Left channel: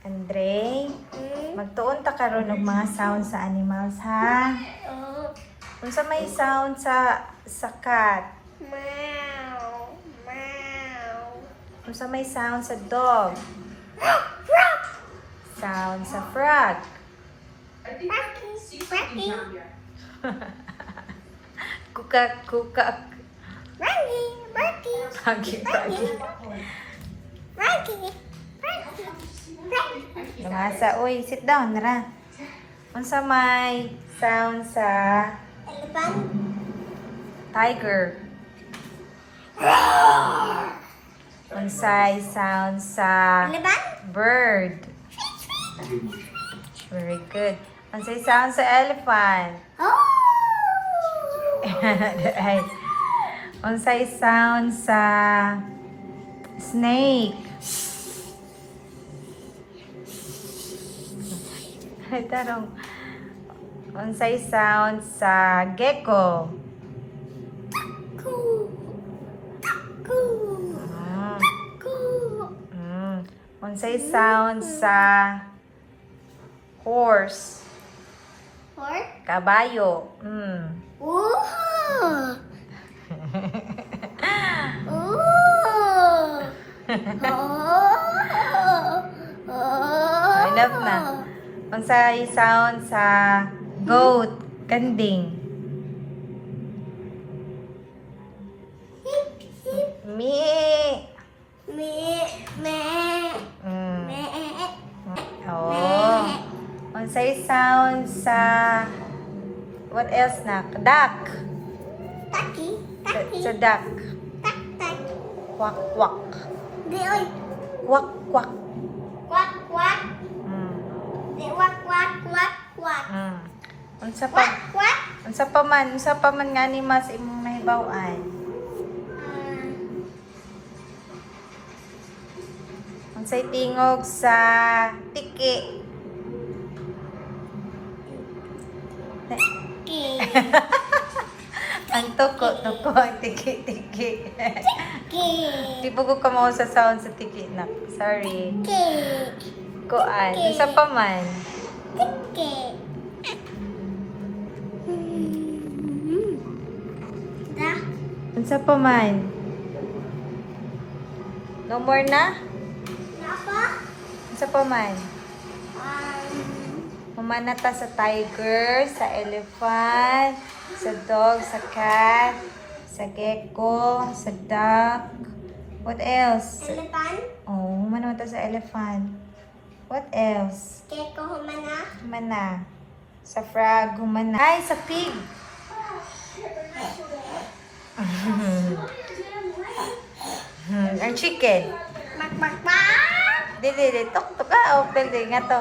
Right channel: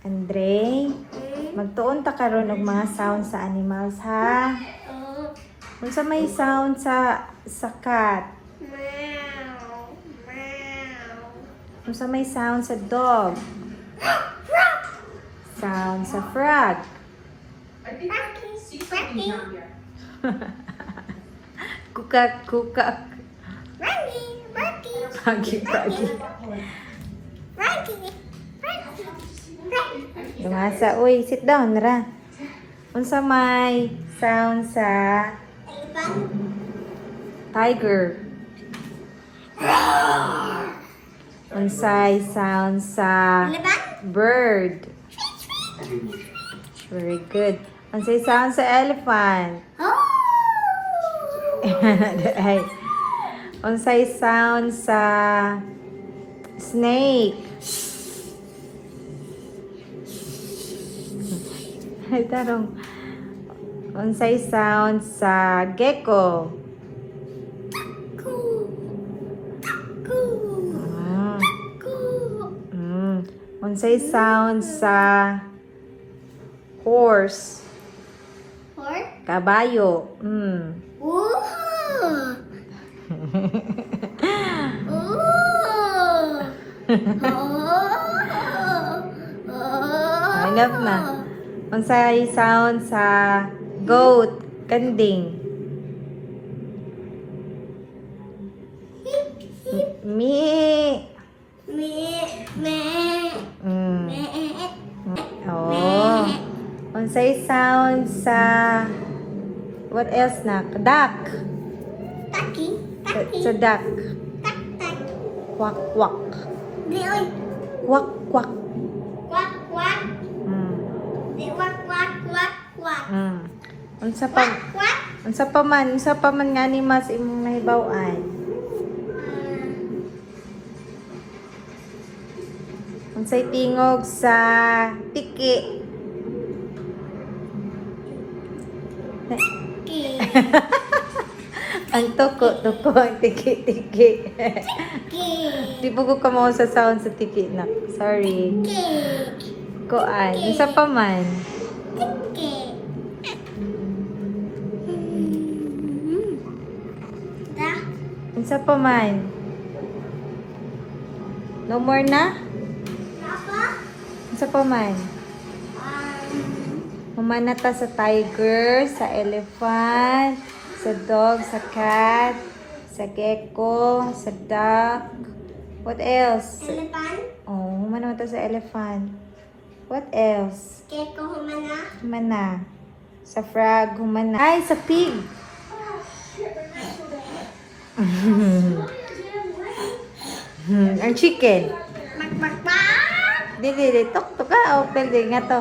Andre, magtuon ta karon og mga sound sa animals ha. Unsa may sound sa cat? Meow. Meow. Unsa may sound sa dog? Sound sa frog. Rocky. Kukak, kukak. Rocky. Rocky. Rocky. Rocky. Lumasa. Uy, sit down, Mira. Unsa may sound sa Elephant. tiger? Unsay sound sa Elephant. bird? Very good. Unsay sound sa elephant? Oh. Unsay sound sa snake? Tarong. Unsay sound sa gecko? Cool. Cool. Mm. Cool. Unsay sound sa horse? Or? Kabayo. Ooh. Ooh. Enough na. Unsay sound sa goat? Kanding. Mi. Me. Me. Mm. Me. Oo. Unsay sound sa what else na? Duck. Taki. Taki. Sa duck. Tak. Tak. Quack, quack. Di oy. Quack, quack. Quack. Quack. Mm. Di quack. Quack. Quack. Quack. Unsa pa? Quack. Quack. Unsa pa man nga ni mas imong nahibaw-an? Unsay tingog sa tiki? Ki. Ang toko ang tiki-tiki. Ki. Tibugog ka mo sa sound sa tiki na. Sorry. Ki. Kuan, unsa pa man? Ki. Da. Unsa pa man? No more na? Napa? Unsa pa man? Humana ta sa tiger, sa elephant, sa dog, sa cat, sa gecko, sa duck. What else? Elephant. Oh, humana ta sa elephant. What else? Keko humana. Humana. Sa frog, humana. Ay, sa pig. Ang chicken. Mak mak mak. Di, tuk ka. Open din nga to.